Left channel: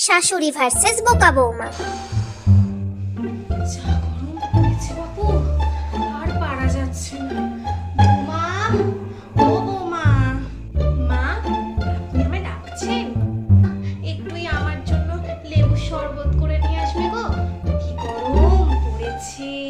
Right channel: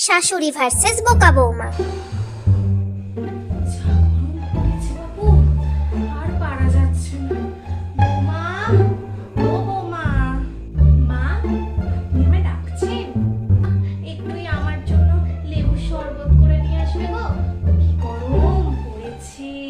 শাশুড়ি ভার্সেস বোকা বৌমা। আর যাচ্ছে না। বৌমা, ও বৌমা। মা একটুই আমার জন্য শরবত করে নিয়ে আসবে গো। কি গরম পড়েছে।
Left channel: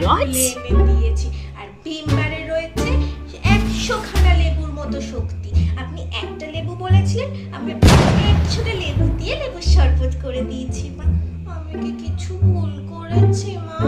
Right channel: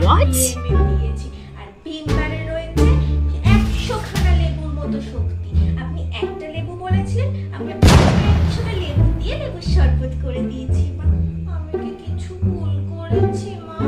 দিয়েছি। আর ভিমবারে রয়েছে একশো খানা লেবুর মতো শক্তি। আপনি একটা লেবু বলেছিলেন আমি একশোটা লেবু দিয়ে লেবুর শরবত করে দিয়েছি। মা আমি কি কিছু ভুল করেছি মা?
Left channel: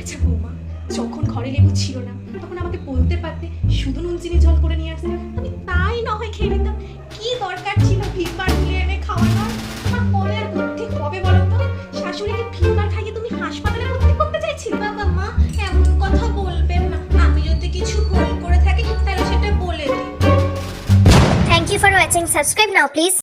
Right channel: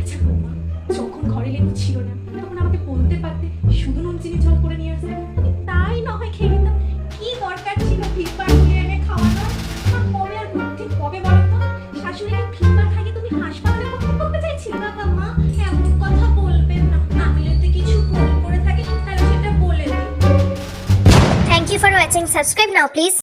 আচ্ছা বৌমা যখন ঘরে লেবু ছিল না তখন আমাকে বলতে পারতে শুধু নুন চিনি জল করে নিয়ে আসতে? আমি তাই না হয় খেয়ে নিতাম। কি দরকার ছিল ভিমবার তুলে এনে খাওয়ানোর? আমার কবে আর বুদ্ধি কবে বলেন তো শাশুড়িকে ভিমবার তুমি হাসপাতালে ভর্তি করতে চাইছিলে বাবা মা এমন কথা বলবেন না। আমি যদি কিছু ভুল করে থাকি তাহলে সেটা বলে দিই thank you for watching subscribe now please